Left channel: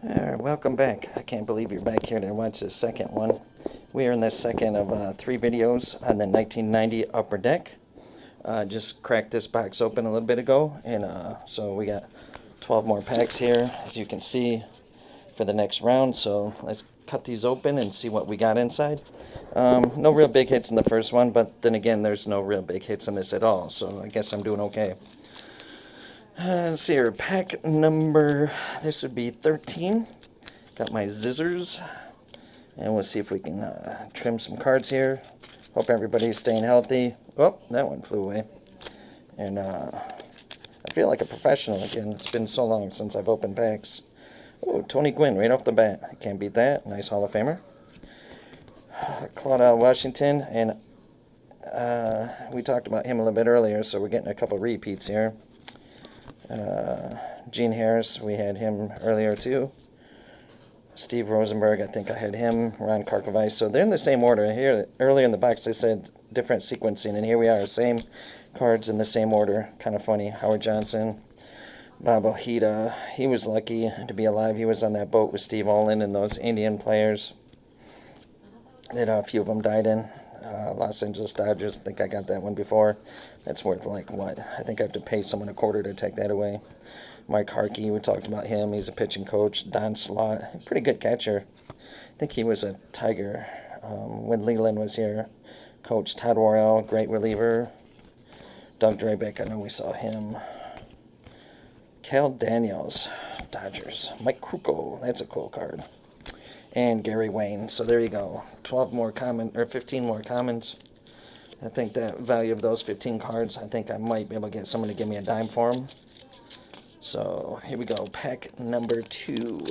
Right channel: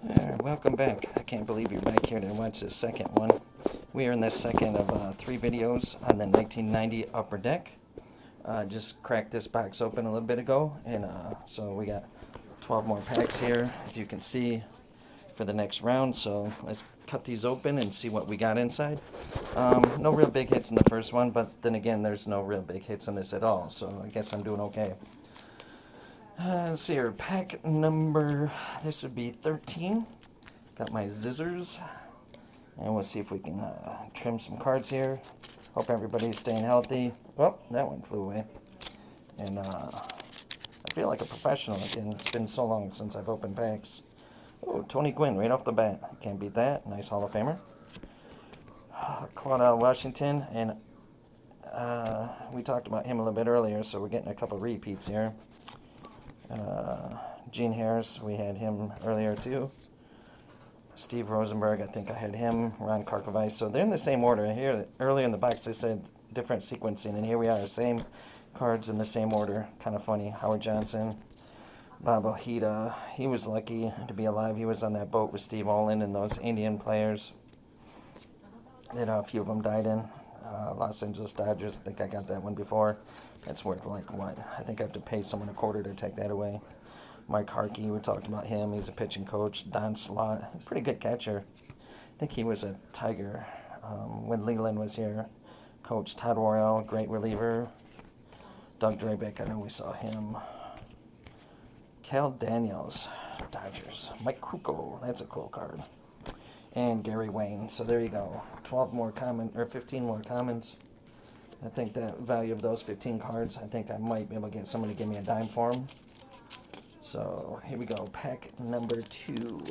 Welcome back. I can't believe you're back here to watch the second one. We are in the second of 3 videos on the 1990 Upper Deck. Just cracked this box open a little bit ago, and so we got 12 more packs here, as you can see, for the next round. So let's cut these open and see what we got inside. No real big hits in the first one, but then again, there's no real big hits in this at all, so I guess I'm doing okay. Let's see here, pack number, this would be 13. Got my scissors, and we'll see if we can trim some cards here. Hope everybody's staying healthy. Oh, that one flew away. And I feel like a professional again. It's been so long since I've opened packs. Oh, Tony Gwynn right off the bat. I can't beat that. Nice Hall of Famer. Claude Washington, and we talked about him a little bit earlier, so we're getting a couple repeats here. Gene Harris, we had him earlier too. Steve Rosenberg, I think I had him. Ron Karkovice. So they're in the same order. Here, earlier in the box, they said different sequencing, and here we are, same cards in the same order. Kind of funny. Howard Johnson, Bob Ojeda. He was lucky to be alive. He was on that boat with Steve Olin and those Indian players that a few of them died in. Los Angeles Dodgers, I think I got that one before. That's worth like what? I think I have to pay someone $0.25 to take that away. Mike Harkey, we talked about him. He's a pitching coach. Don Slott, pretty good catcher. I think he was a Tiger when Leland was here. Coach Todd Worrell, great reliever. Doug Drabeck, I know we saw him. Cal Daniels, Dodgers. Mike Krukow, that's a cool card. And Gary Wayne. So there you go. 12 more common, or 15 more commons. I think that value of those 15 cards, I think I might be able to get someone to give me a dime for them. So here we go. Pack number 2.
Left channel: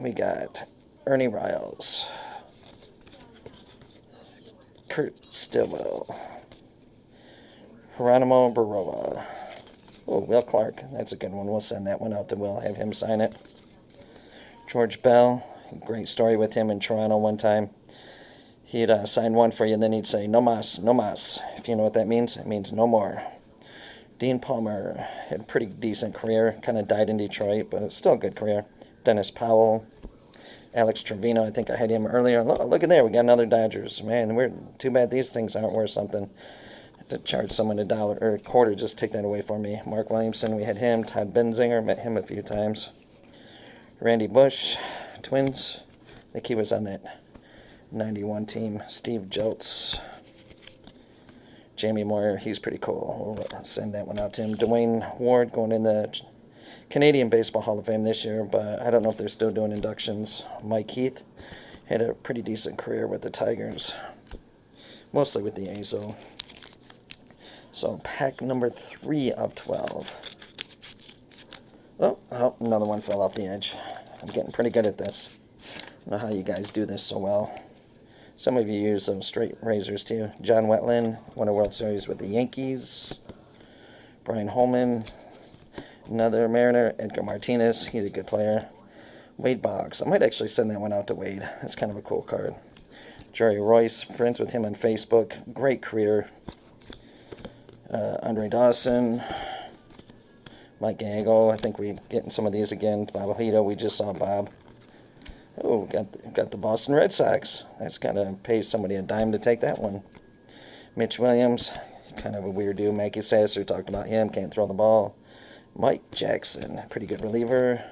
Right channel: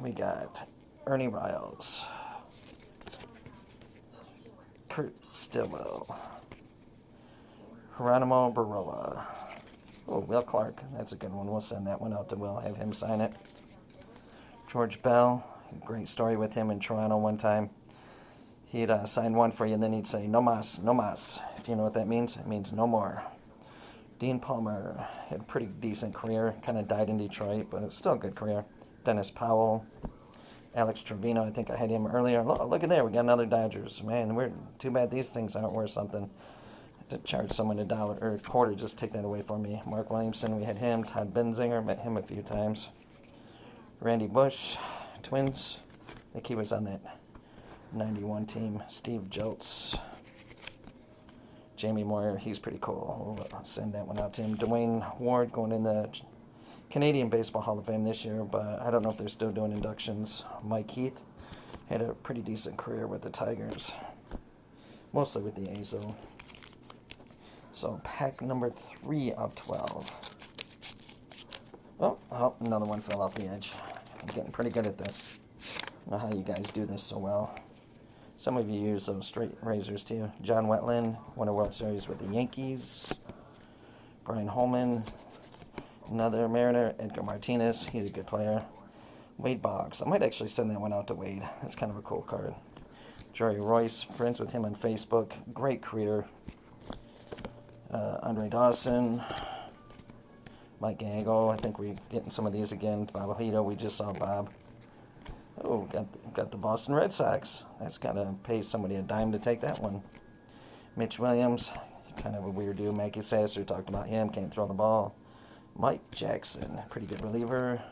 We got Ernie Riles, Kurt Stillwell, Geronimo Baroa. Oh, Will Clark. That's a good one. We'll send that one out to Will. Have him sign it. George Bell. Great story with him in Toronto one time. He'd sign one for you, and then he'd say, no mas, no mas. If you know what that means, it means no more. Dean Palmer had a pretty decent career. Kind of died in Detroit, but still a good career. Dennis Powell. Alex Trevino, I think I had him earlier. Look at there, we got another Dodgers. Man, we're too bad these things aren't worth something. To charge someone $1 or $0.25, just take that away for me. Mark Williamson, we had him. Todd Benzinger, met him a few times. Randy Bush, Twins. I think he was on that 91 team. Steve Joltz. Jamie Moyer, he's pretty cool. We'll send that one out to him. Dwayne Ward going in the Canadian Baseball Hall of Fame this year, but I don't know if they're still doing inductions. Mike Heath had a pretty decent career with the Tigers, mostly with the A's, though. So pack number 3 of 12. Oh, another one fell off the edge. I'm getting pretty good at this. I don't know how you guys do this so well. Some of you use those straight razors too. John Wetland won a World Series with the Yankees. Brian Holman, another Mariner. Edgar Martinez, he's a good player. Wade Boggs, I might actually send that one out to Wade. That's kind of a cool card. Jerry Royce, friends with him on Facebook. Great career. Andre Dawson. Mike Gago, I think we're getting some of these again. Bob Ojeda, we just saw Bob. Oh, got the Boston Red Sox. That's got to pay somebody a dime to take that one. Mitch Williams, kind of a weird dude. Mackey Sasser, talked about him, can't throw the ball. Mike Jackson, pretty good reliever.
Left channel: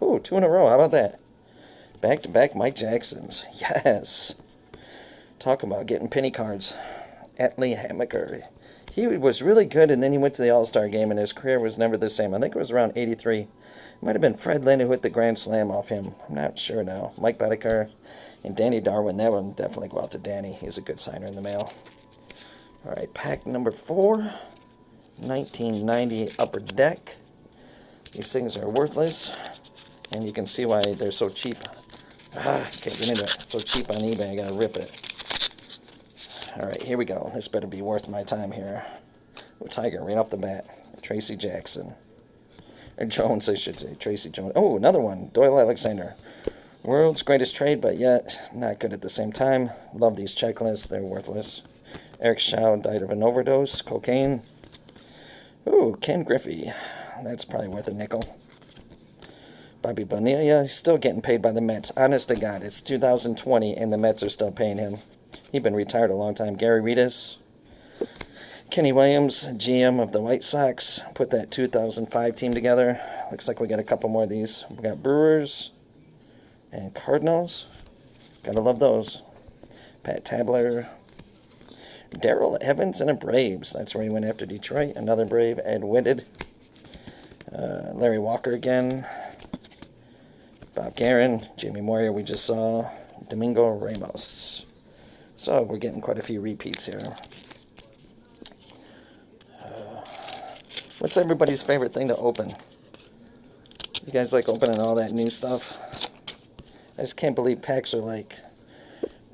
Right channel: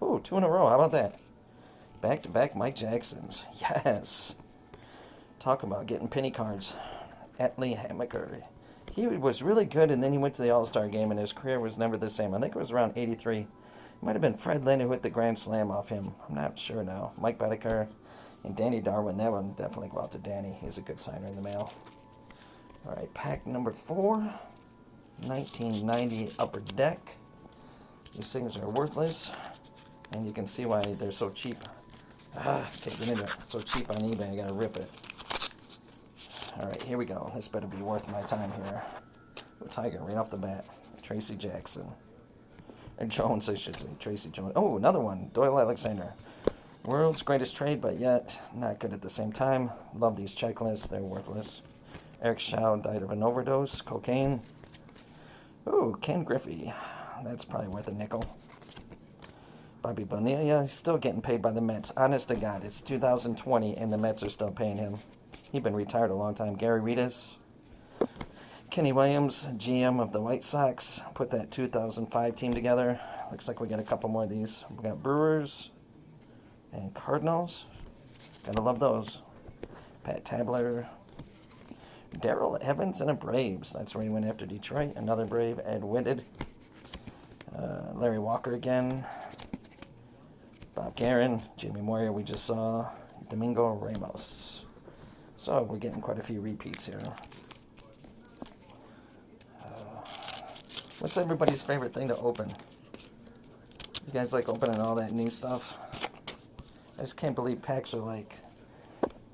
Oh, 2 in a row, how about that? Back-to-back Mike Jacksons. Yes. Talk about getting penny cards. Atlee Hammaker. He was really good, and then he went to the All-Star game, and his career was never the same. I think it was around 83. It might have been Fred Lynn who hit the grand slam off him. I'm not sure now. Mike Boddicker and Danny Darwin. That one definitely go out to Danny. He's a good signer in the mail. All right, pack number 4. 1990 Upper Deck. These things are worthless, and you can see why they're so cheap. Can't get into it. So cheap on eBay, I gotta rip it. All right, here we go. This better be worth my time here. Oh, Tiger, right off the bat. Tracy Jackson. Or Jones, I should say. Tracy Jones. Oh, another one. Doyle Alexander. World's greatest trade, but yet not good at the same time. Love these checklists. They're worthless. Eric Shaw died of an overdose. Cocaine. Ooh, Ken Griffey. That's probably worth a nickel. Bobby Bonilla, he's still getting paid by the Mets. Honest to God, it's 2020 and the Mets are still paying him. He's been retired a long time. Gary Redus. Kenny Williams, GM of the White Sox, put that 2005 team together. Looks like we got a couple more of these. We got Brewers and Cardinals. Gotta love those. Pat Tabler. Darrell Evans and the Braves. That's where he went after Detroit. Another Brave. Ed Whitted. Larry Walker again. Bob Guerin. Jamie Moyer we just saw. Domingo Ramos. So we're getting quite a few repeats here. What's everybody's favorite thing to open? You guys like opening all that new stuff? I just can't believe packs are like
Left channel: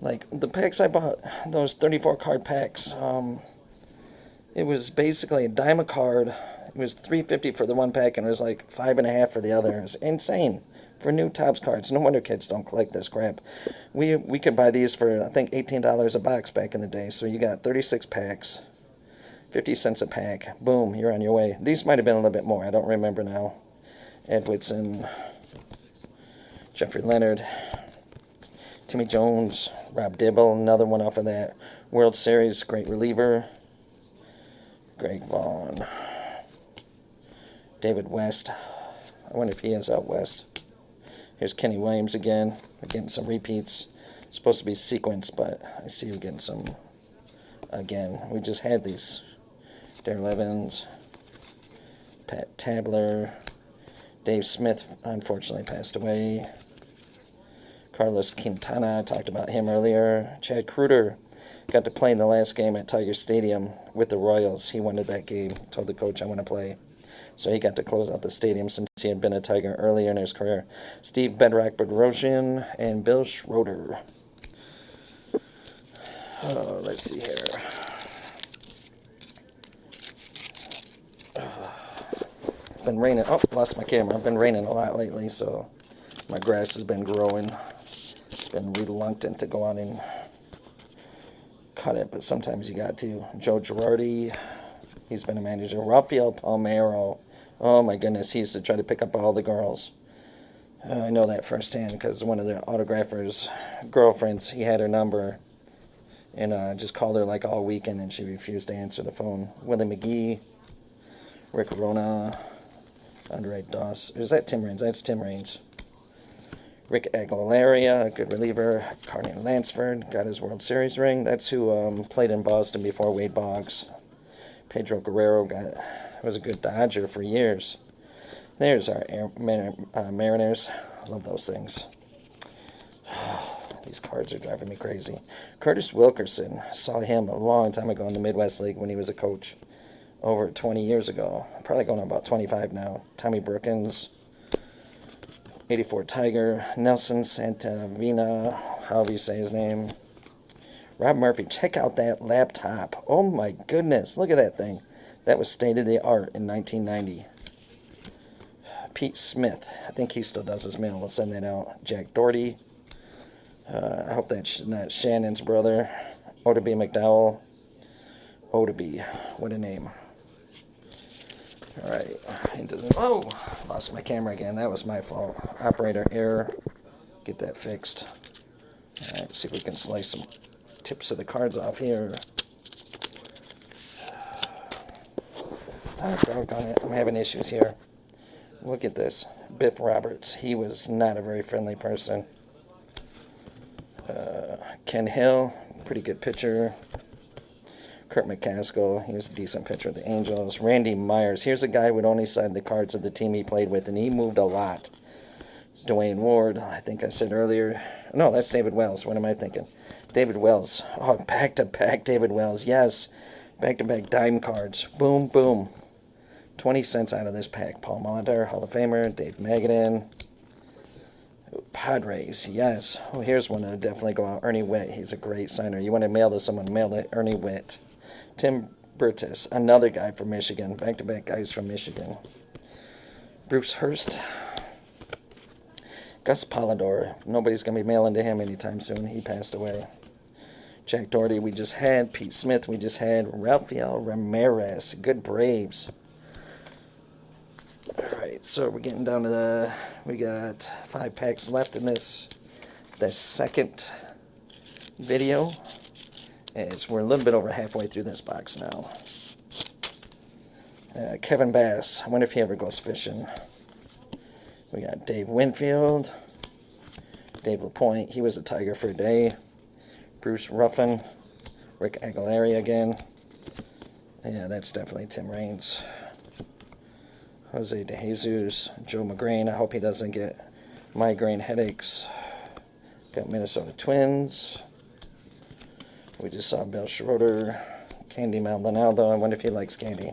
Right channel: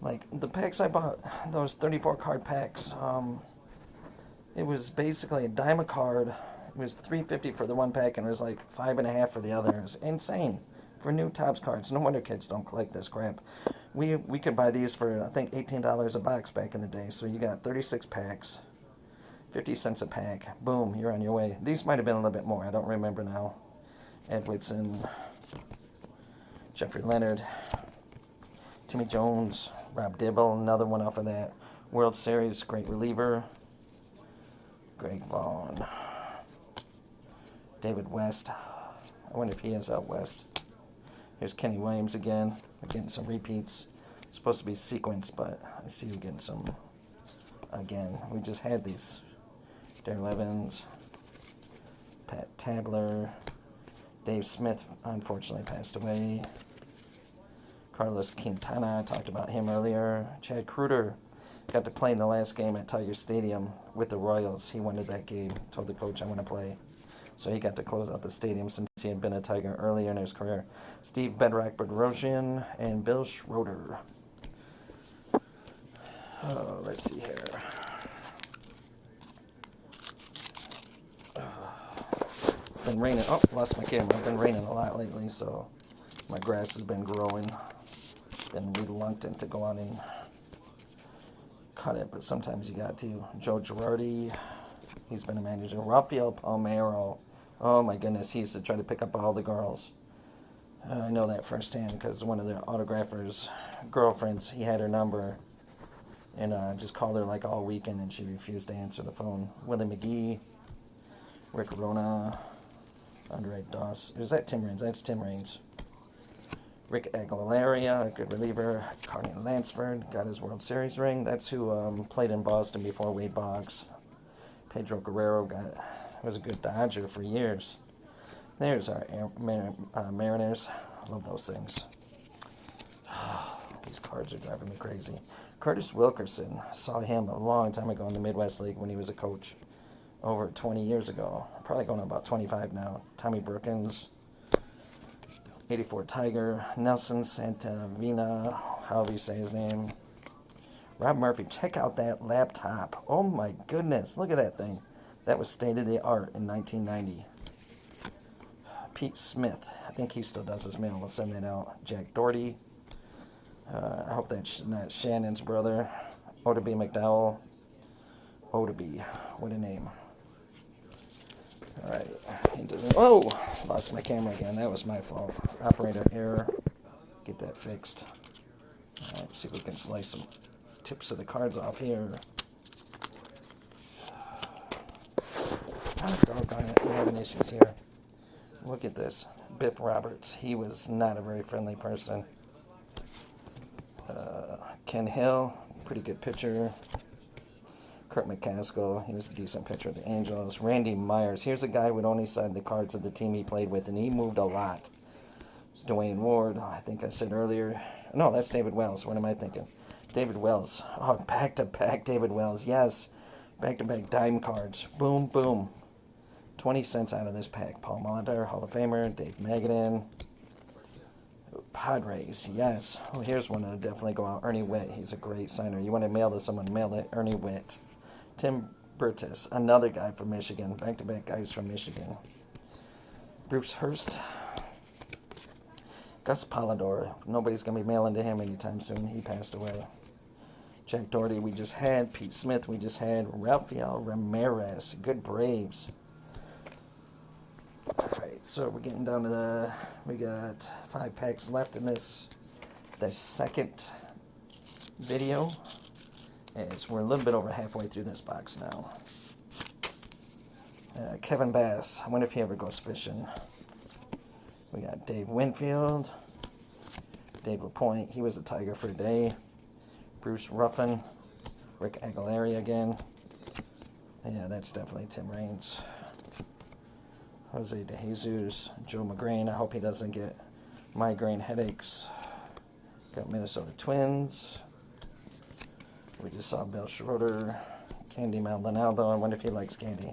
the packs I bought, those 34 card packs. It was basically a dime a card. It was $3.50 for the one pack, and it was like $5.50 for the other. It was insane for new Topps cards. No wonder kids don't collect this crap. We could buy these for I think $18 a box back in the day. So you got 36 packs. 50 cents a pack. Boom, you're on your way. These might have been a little bit more. I don't remember now. Ed Whitson, Jeffrey Leonard, Timmy Jones, Rob Dibble, another one off of that World Series, great reliever. Greg Vaughn. David West. I wonder if he is out west. Here's Kenny Williams again. We're getting some repeats. It's supposed to be sequenced, but I see we're getting some again. We just had these. Darrell Evans, Pat Tabler, Dave Smith unfortunately passed away. Carlos Quintana, I talked about him earlier. Chad Kruger got to play in the last game at Tiger Stadium with the Royals. He wanted that game, told the coach I want to play. So he got to close out the stadium since he had been a Tiger earlier in his career. Steve Bedrock Bedrosian and Bill Schroeder. Let's see here. It's been raining. Oh, lost my camera. I've been raining a lot lately, so my grass has been growing. Been reluctant to go out and cut it, but sometimes you got to. Joe Girardi, he's been a manager. Rafael Palmeiro, oh my goodness, he used to try to pick up all the girls. I know that firsthand because one of the autographers' girlfriends, he had her number and just called her like all weekend and she refused to answer the phone. Willie McGee, Rick Rona, Andre Doss. Is that Tim Raines? That's Tim Raines. Rick Aguilera, a good reliever. Carney Lansford got his World Series ring. That's who played in Boston before Wade Boggs. Pedro Guerrero was a good Dodger for years. There's our Mariners. I love those things. These cards are driving me crazy. Curtis Wilkerson. Saw him a long time ago in the Midwest League when he was a coach. Over 20 years ago. Probably going on about 25 now. Tommy Brookins. 84 Tiger. Nelson Santavina. However you say his name. Rob Murphy. Check out that laptop. Oh my goodness. Look at that thing. That was state of the art in 1990. Pete Smith. I think he still does his mail. We'll send that out. Jack Doherty. I hope that's not Shannon's brother. Oddibe McDowell. Oddibe. What a name. All right. Oh, lost my camera again. That was my fault. Operator error. Get that fixed. All right, see if we can slice some tips of the cards off here. Oh, doggone it. I'm having issues here. Look at this. Bip Roberts. He was not a very friendly person. Ken Hill. Pretty good pitcher. Kurt McCaskill, he was a decent pitcher at the Angels. Randy Myers, here's a guy who would only sign the cards of the team he played with, and he moved a lot. Dwayne Ward, I think I said earlier. No, that's David Wells. What am I thinking? David Wells. Oh, back-to-back David Wells. Yes, back-to-back dime cards. Boom, boom. 20 cents out of this pack. Paul Molitor, Hall of Famer. Dave Magadan. Padres, yes. Oh, here's one that'll definitely go out. Ernie Witt, he's a great signer. You want to mail to someone, mail it. Ernie Witt. Tim Burtis, another guy from Michigan. Back-to-back guys from Michigan. Bruce Hurst. Gus Polidor. Nobody's going to be mailing to him anytime soon. He passed away. Jack Doherty, we just had. Pete Smith, we just had. Rafael Ramirez. Good Braves. All right. So we're getting down to we got 5 packs left in this second video. As we're a little bit over halfway through this box now. Kevin Bass. I wonder if he ever goes fishing. We got Dave Winfield. Dave LaPointe. He was a Tiger for a day. Bruce Ruffin. Rick Aguilera again. Yeah, that's definitely Tim Raines. Jose De Jesus. Joe McGrain. I hope he doesn't get migraine headaches. Got Minnesota Twins. We just saw Bill Schroeder. Candy Maldonado. I wonder if he likes candy.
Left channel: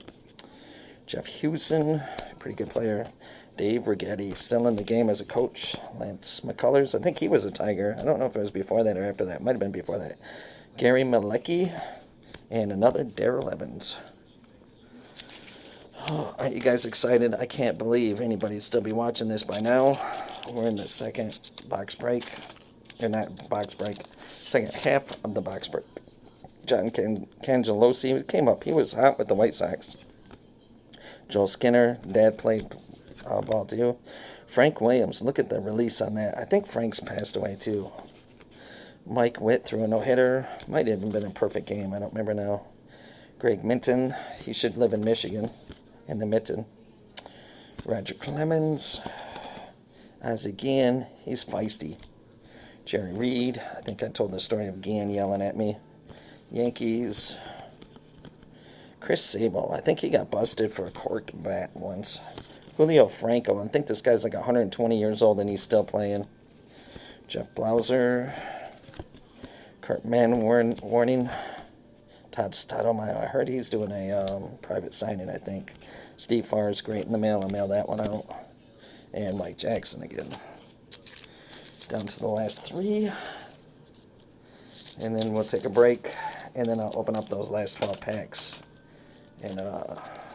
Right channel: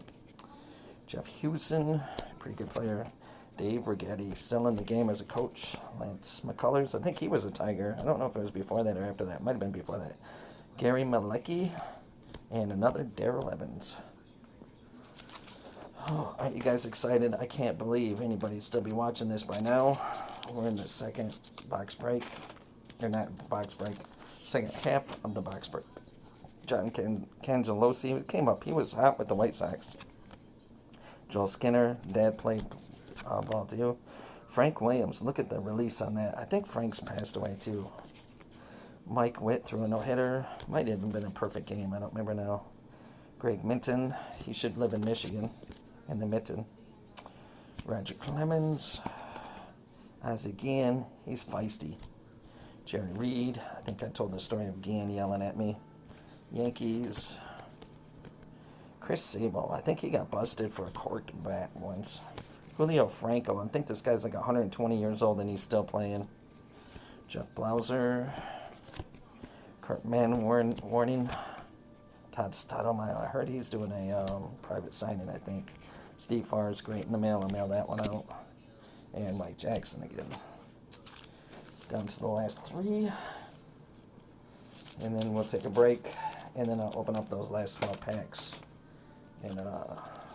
Jeff Hewson, pretty good player. Dave Righetti, still in the game as a coach. Lance McCullers, I think he was a Tiger. I don't know if it was before that or after that. Might have been before that. Gary Malecki, and another Darrell Evans. Oh, aren't you guys excited? I can't believe anybody'd still be watching this by now. We're in the second box break. Or not box break. Second half of the box break. John Cangelosi came up. He was hot with the White Sox. Joel Skinner, Dad played ball too. Frank Williams, look at the release on that. I think Frank's passed away too. Mike Witt threw a no-hitter. Might have even been a perfect game. I don't remember now. Greg Minton, he should live in Michigan, in the Mitten. Roger Clemens. Ozzie Guillen, he's feisty. Jerry Reed, I think I told the story of Guillen yelling at me. Yankees. Chris Sable, I think he got busted for a corked bat once. Julio Franco, I think this guy's like 120 years old and he's still playing. Jeff Blauser. Kurt Warning. Todd Stottlemyre, I heard he's doing a private signing, I think. Steve Farr is great in the mail. I'll mail that one out. And Mike Jackson again. Down to the last 3. And then we'll take a break. And then I'll open up those last 12 packs. And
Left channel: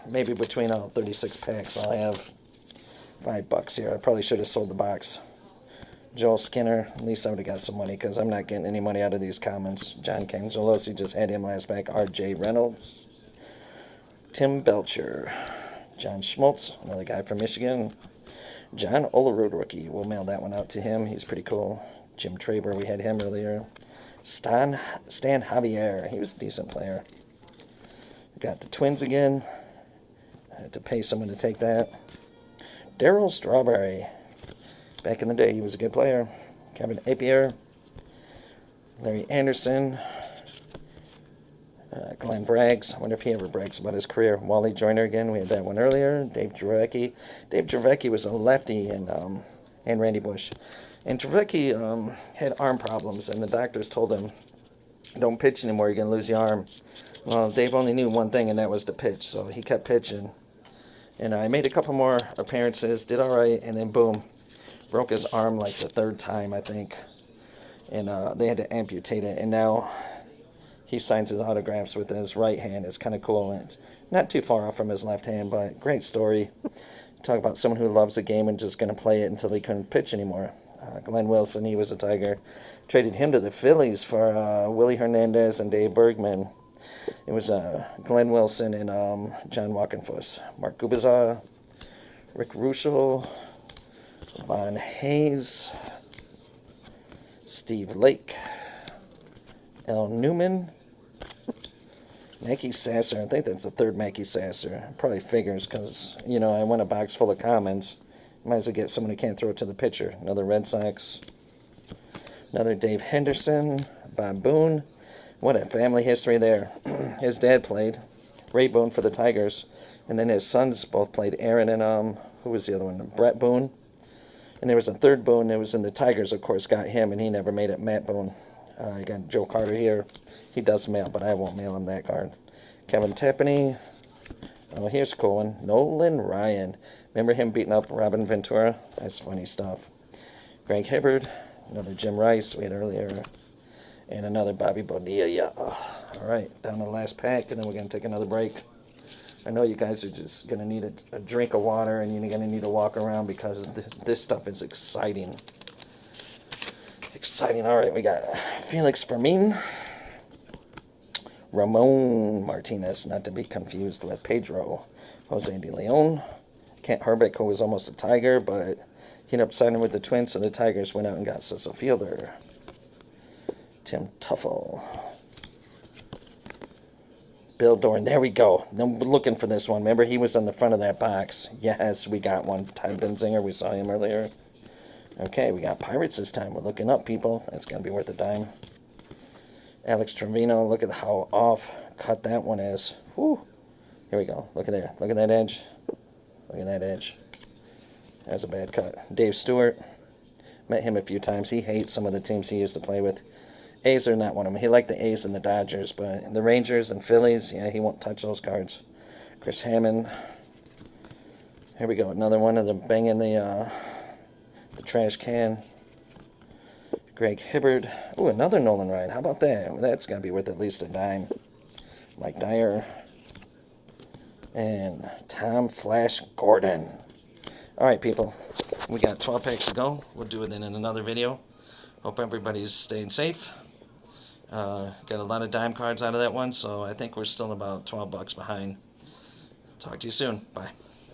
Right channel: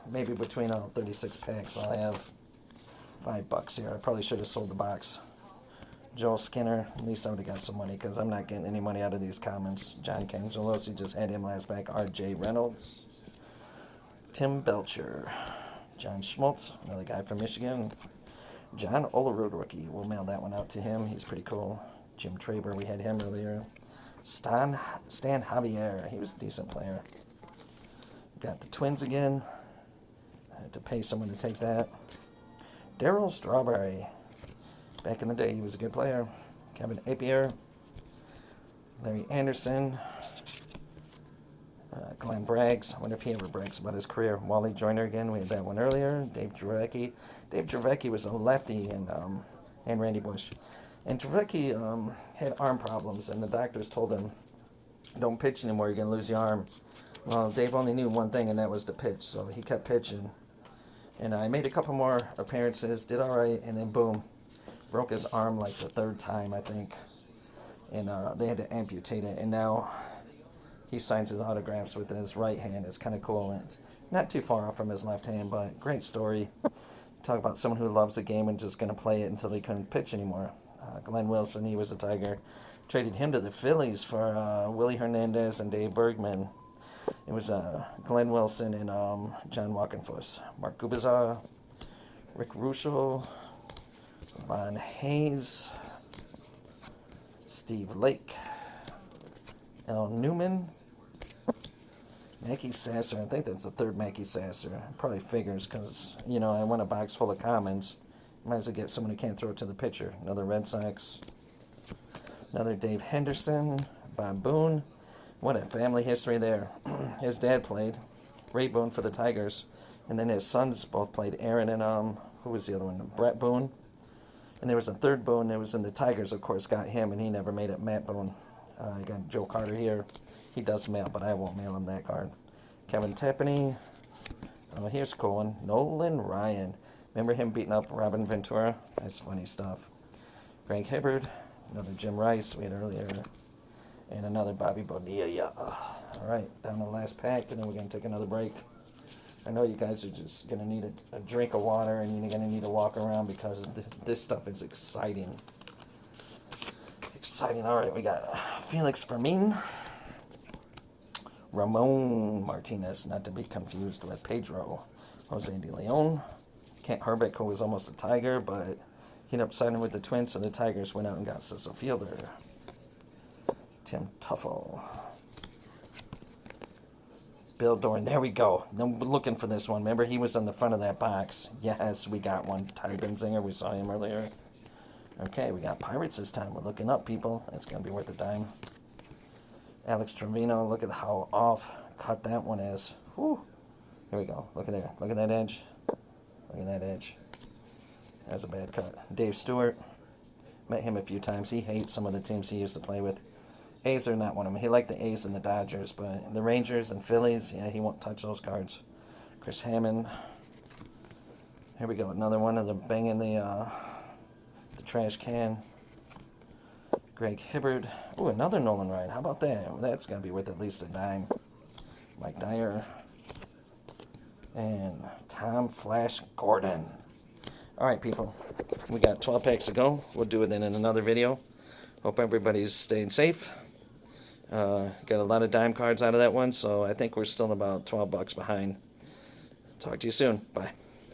maybe between all 36 packs, I'll have $5 here. I probably should have sold the box. Joel Skinner, at least I would have got some money because I'm not getting any money out of these comments. John Cangelosi, just had him last pack. R.J. Reynolds. Tim Belcher. John Schmaltz, another guy from Michigan. John Olerud, rookie. We'll mail that one out to him. He's pretty cool. Jim Traber, we had him earlier. Stan Javier, he was a decent player. Got the Twins again. I had to pay someone to take that. Darryl Strawberry. Back in the day, he was a good player. Kevin Appier. Larry Anderson. Glenn Braggs. I wonder if he ever brags about his career. Wally Joyner again. We had that one earlier. Dave Dravecky. Dave Dravecky was a lefty and Randy Bush. And Dravecky had arm problems, and the doctors told him, don't pitch anymore, you're going to lose your arm. Well, Dave only knew one thing, and that was to pitch, so he kept pitching. And I made a couple more appearances, did all right, and then boom, broke his arm like the 3rd time, I think. And they had to amputate it, and now he signs his autographs with his right hand. It's kind of cool, and it's not too far off from his left hand, but great story. Talk about someone who loves the game and just going to play it until he couldn't pitch anymore. Glenn Wilson, he was a Tiger. Traded him to the Phillies for Willie Hernandez and Dave Bergman. It was Glenn Wilson and John Walkenfuss. Mark Gubicza, Rick Russo, Von Hayes, Steve Lake, Al Newman, Mackey Sasser. I think that's the 3rd Mackey Sasser. Probably figures because, you know, I want a box full of comments. Might as well get someone who can't throw it to the pitcher. Another Red Sox. Another Dave Henderson. Bob Boone. What a family history there. His dad played. Ray Boone for the Tigers. And then his sons both played. Aaron and, who was the other one? Brett Boone. And there was a 3rd Boone that was in the Tigers, of course, got him, and he never made it. Matt Boone. You got Joe Carter here. He does mail, but I won't mail him that card. Kevin Tapani. Oh, here's a cool one. Nolan Ryan. Remember him beating up Robin Ventura? That's funny stuff. Greg Hibbard. Another Jim Rice we had earlier. And another Bobby Bonilla. Yeah. All right, down to the last pack, and then we're going to take another break. I know you guys are just going to need a drink of water, and you're going to need to walk around because this stuff is exciting. Exciting. All right, we got Felix Fermin. Ramon Martinez, not to be confused with Pedro. Jose de Leon. Kent Hrbek, who was almost a Tiger, but he ended up signing with the Twins, so the Tigers went out and got Cecil Fielder. Tim Tuffle. Bill Doran. There we go. I'm looking for this one. Remember, he was on the front of that box. Yes, we got one. Ty Benzinger. We saw him earlier. Okay, we got Pirates this time. We're looking up, people. That's going to be worth a dime. Alex Trevino. Look at how off cut that one is. Whew. Here we go. Look at there. Look at that edge. Look at that edge. That's a bad cut. Dave Stewart. Met him a few times. He hates some of the teams he used to play with. A's are not one of them. He liked the A's and the Dodgers, but the Rangers and Phillies, yeah, he won't touch those cards. Chris Hammond. Here we go. Another one of them banging the trash can. Greg Hibbard. Oh, another Nolan Ryan. How about that? That's got to be worth at least a dime. Mike Dyer. And Tom Flash Gordon. All right, people. We got 12 packs to go. We'll do it then in another video. Hope everybody's staying safe. Got a lot of dime cards out of that one, so I think we're still about $12 behind. Talk to you soon. Bye.